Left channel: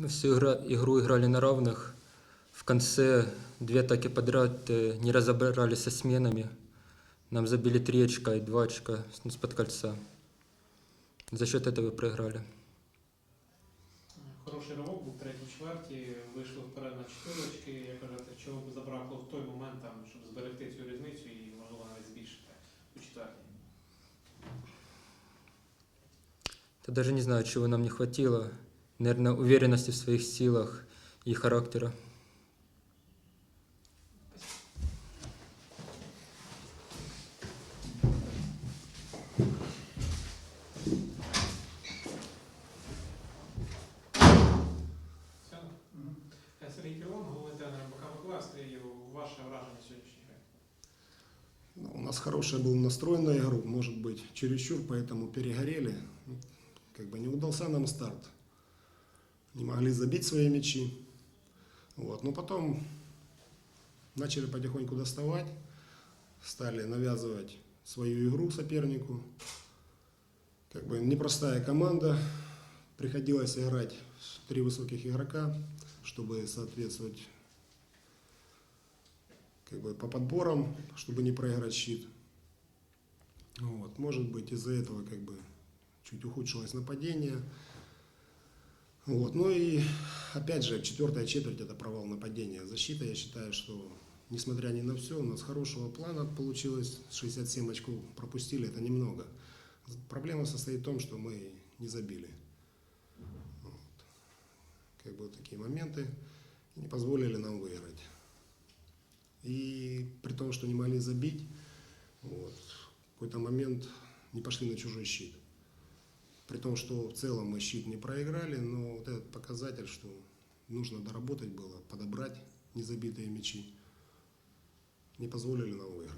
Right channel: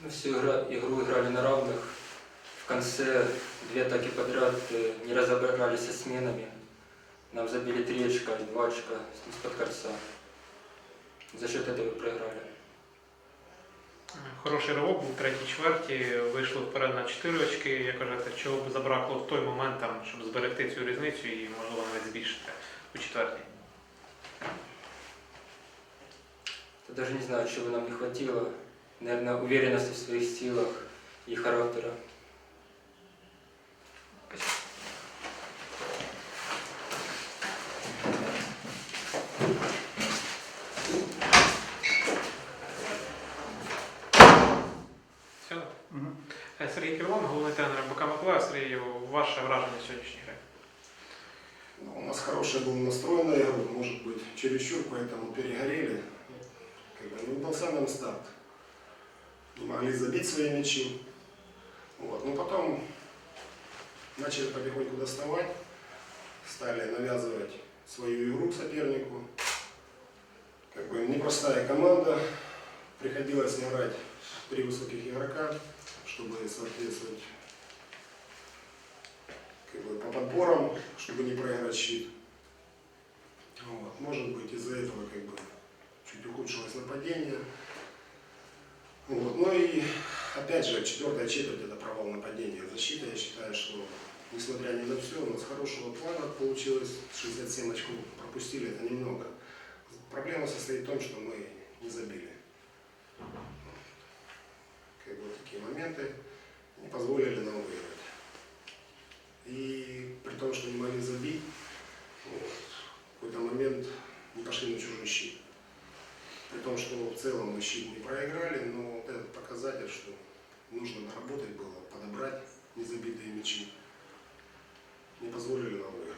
Мы всю игра- игру играли на равных. В конце две атаки подряд э, не разобрались со сменами. Нам забили три очка и два очка с- из-под кольца. За счет этого и проиграли. Хороший ривок був в третій чверті, вийшли вперед на 4 очки. Як кажете, чого б забракло в той момент, там, щоб зберегти цю різницю і, можливо, навіть збільшити у четвертій? Я даже не знаю, чего нам не хватило. Наверное, уверенности в своих силах и характера. Все? Е, Сергій Кривон, головний тренер МБК Миколаїв. Сергію, ваше враження сьогоднішньої гри? Ну, У нас хороший был настрой на игру, может быть, чересчур, поэтому перегорели. Ну, Как бы не удался нам старт. Не могли забить свои мячи. Вот. Но потом начали потихоньку доставать, стали навязывать свою игру сопернику. Как бы непростая команда. Приходилось играть три высоких игрока, чтобы соответствовать как бы, по подборам, чтобы не проиграть щит. Вот. Может быть, из-за этого как бы чуть ухудшилось нападение. Вот. Ну и опять же, четвертая четверть это провал нападения. Защита, я считаю, что несмотря ни на все, у нас хорошего плана получилось. 67 очков пропустили, это немного. Проблема состоит в том, что мы не забили. Как бы такие моменты не позволили нам выиграть. И при том, что не могли забить, вот, в какой-то момент не пошли на чужой щит. При том, что в целом мы щит не проиграли, но вот этот показатель, что нужно доработать было, подобрать незабитые мячи, не позволили нам выиграть.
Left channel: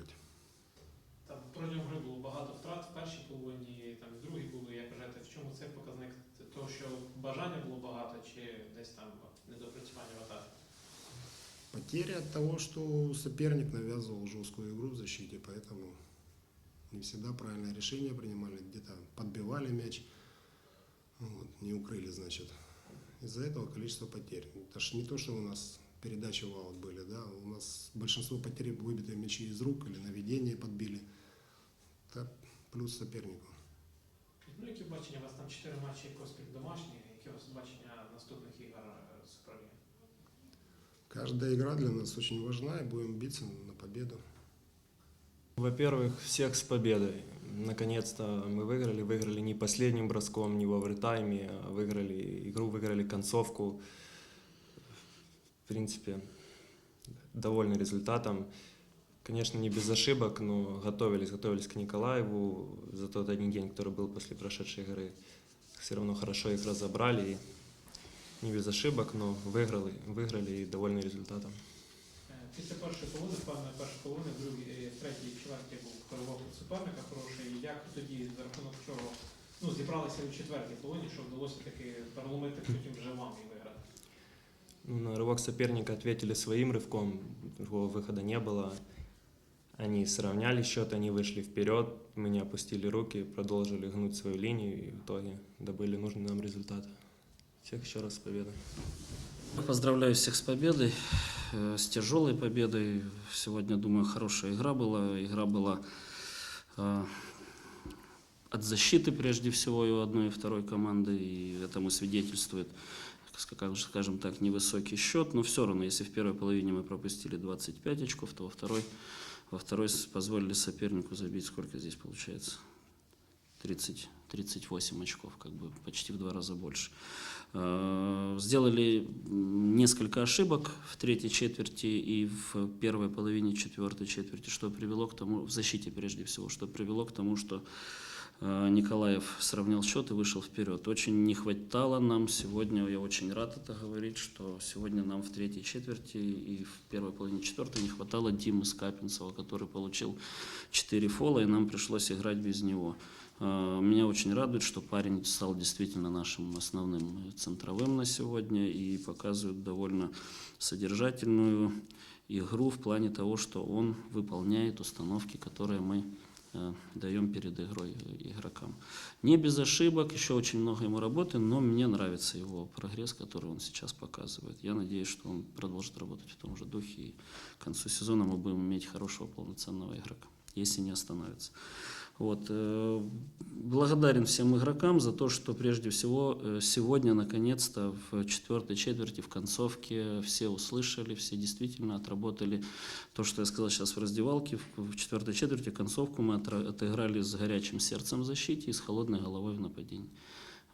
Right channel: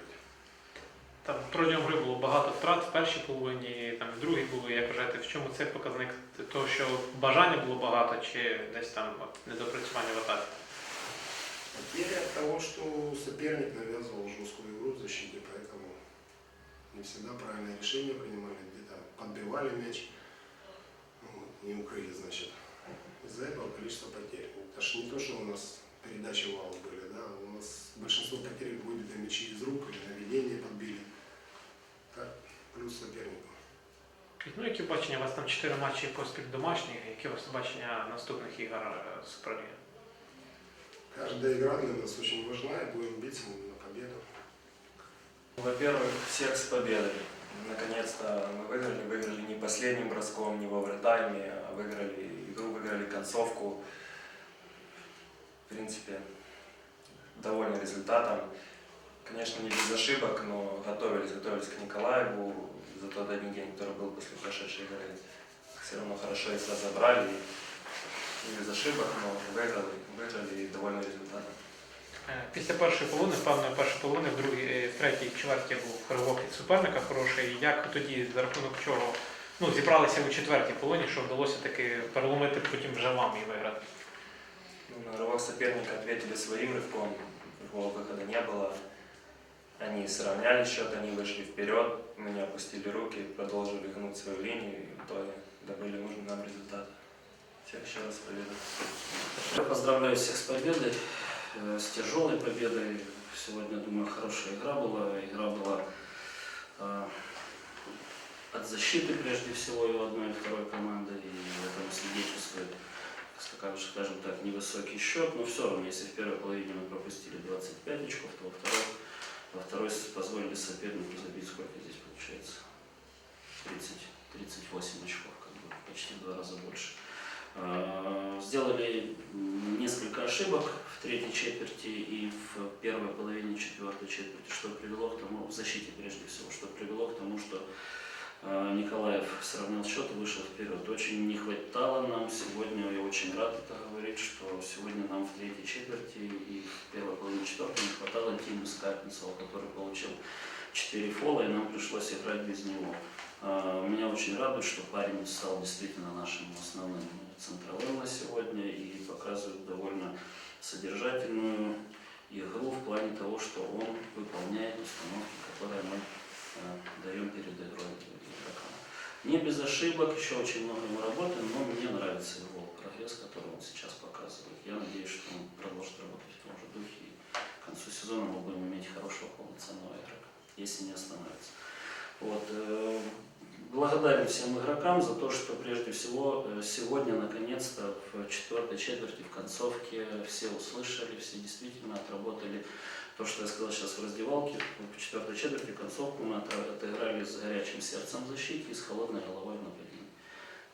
Там протягом гри було багато втрат в першій половині, там в другій було. Як кажете, в чому це показник? Того, що бажання було багато, чи десь там от, недопрацювання в атаці? Потеря от того, что соперник навязывал жесткую игру в защите, поэтому не всегда правильное решение принимали, где-то подбивали мяч, вот, не укрыли, значит. Из-за этого количество потерь. Это ж не то, что у нас передачи валов были, да, у нас большинство потерь выбитые мячи из рук или наведение подбили. Так, плюс сопернику. Ну, які бачення? У вас там 4 матчі поспіль домашніх, які у вас бачення наступних ігор е, Суперліги? Каждая игра для нас очень важна, и будем биться на победу. Во-первых, всех с победой. Наконец-то мы выиграли. Выиграли не последним броском, не в овертайме, а выиграли игру, выиграли концовку. В принципе, довольны результатом. Конечно, не без ошибок, но готовились, готовились к Николаеву за тот один день, который был после прошедшей игры. Все равно хорошо их разобрали. Не без ошибок, но выиграли, выиграли и довольны результатом. Е, Після першої половини, певної першої половини, в другій, е, в третій чверті був ривок від суперника хороший. Як тоді, за рахунок чого, ну, зібралися у четвертій половині, що вдалося таки переломити потім вже вам і виграти? Ну, на рывок соперника ответили своим рывком, другого выхода не было. Они сравняли счет, они вышли вперед, мы не опустили руки, продолжили гнуть свою линию и в итоге добыли нужный нам результат. Всех еще раз с победой. Я поздравляю всех с победой, э, С тяжелой победой. Сегодня, думаю, хорошая игра была. Игра была э, от защиты прежде всего и у одной и второй команды, и этому свидетельствует, скажем, так, невысокий счет, но все равно, если в первой половине мы пропустили 25 очков, то во второй, во второй позволили сопернику забить, сколько здесь получается? 30, 38 очков, как бы почти в два раза больше. Э, Сделали несколько ошибок в третьей четверти и в первой половине четвертой четверти, что привело к тому, в защите прежде всего, что привело к тому, что э, Николаев сравнял счет и вышел вперед. Очень не хватало нам сегодня, я очень рад это говорить, что сегодня нам в третьей четверти и в первой половине четвертой не хватало Димы Скапинцева, который получил 4 фола, и нам пришлось играть без него. А, Меня очень радует, что парень стал действительно нашим основным центровым на сегодня и показывает довольно содержательную игру в плане того, что он выполняет установки, которые мы э, даем перед игрой игрокам. Не без ошибок, еще очень много ему работы, но мне нравится его прогресс, который он сейчас показывает. Я надеюсь, что он продолжит работать в том же духе, и к концу сезона мы будем иметь хорошего полноценного игрока, если не остановится. Вот. э, Благодарен всем игрокам за то, что прежде всего э, сегодня наконец-то в четвертой четверти, в концовке все услышали, все действительно отработали то, что я сказал сейчас в раздевалке. В четвертой четверти концовку мы отыграли с горячим сердцем в защите и с холодной головой в нападении.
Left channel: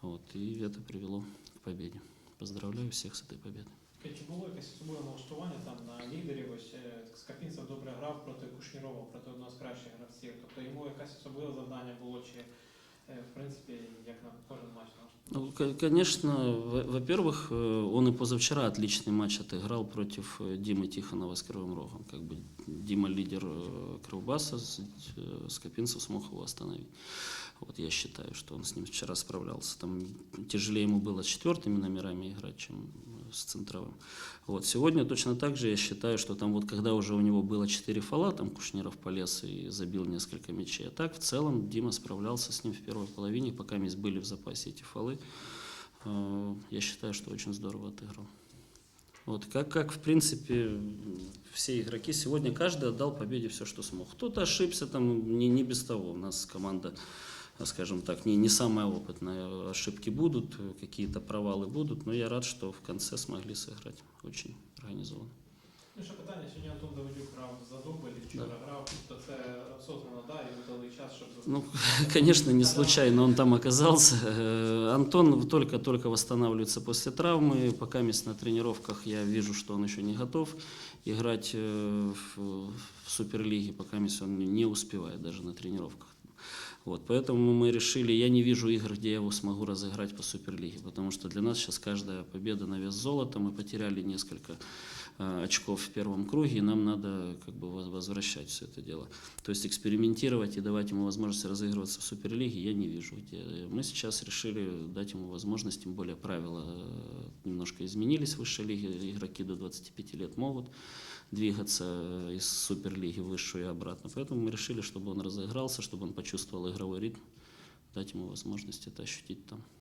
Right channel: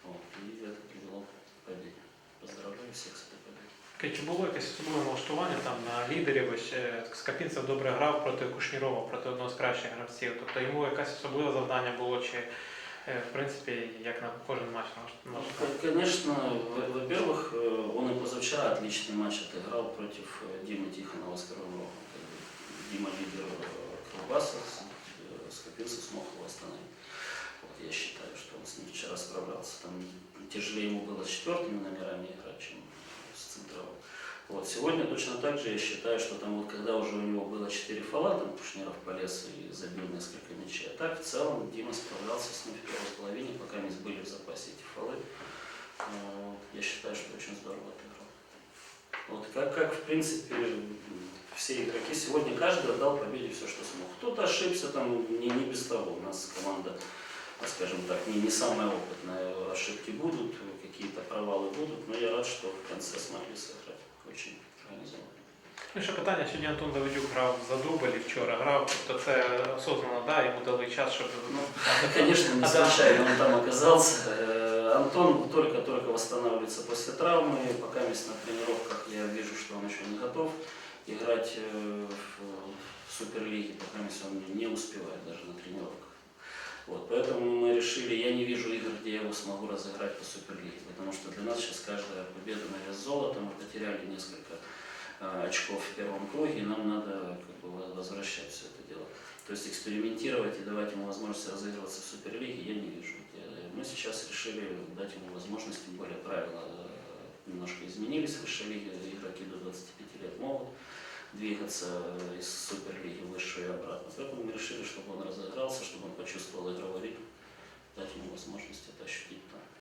Вот. И это привело к победе. Поздравляю всех с этой победой. Таке, Чи було якесь особливе налаштування там на лідерів? Ось е, Скапінцев добре грав проти Кушнірова, проти одного з кращих гравців. Тобто йому якесь особливе завдання було, чи е, в принципі як на кожен матч Ну, налаштований? к- конечно, во- во-первых, э, он и позавчера отличный матч отыграл против э, Димы Тихонова с Кривым Рогом. Как бы Дима лидер э, Кривбаса, с- э, Скопинцев смог его остановить. Вот я считаю, что он с ним вчера справлялся. Там тяжелее ему было с четвертыми номерами играть, чем э, с центровым. Вот. Сегодня точно так же я считаю, что там вот когда уже у него было 4 фола, там Кушнеров полез и забил несколько мячей. А так в целом Дима справлялся с ним в первой половине, пока мы были в запасе эти фолы. Э, Я считаю, что очень здорово отыграл. Вот, как, как в принципе все игроки сегодня каждый отдал победе все, что смог. Кто-то ошибся, там не, не без того. У нас команда, скажем так, не, не самая опытная. Ошибки будут, какие-то провалы будут, но я рад, что в конце смогли сыграть очень организованно. Ну, ще питання, сьогодні Антон Давидюк грав за дубль і вчора грав, тобто це осознанно, да, йому дали час, щоб Ну, конечно, не случайно он там оказался. Э, Антон только-только восстанавливается после травмы. Пока мест на тренировках я вижу, что он еще не готов играть э, в, в Суперлиге, пока мест он не успевает даже на тренировках. Вот, поэтому мы решили, я не вижу игр, где я его смогу разыграть по Суперлиге, потому что для нас сейчас каждая победа на вес золота, мы потеряли несколько э, очков в первом круге, и нам надо как бы воз- возвращать все это дело. То есть экспериментировать и давать ему возможность разыгрываться в Суперлиге я не вижу. Мы сейчас решили дать ему возможность, тем более правила э, немножко изменились в высшей лиге, игроки до 25 лет могут двигаться из Суперлиги в высшую и обратно. Поэтому мы решили, чтобы он разыгрался, чтобы он почувствовал игровой ритм, дать ему возможность это ощутить там.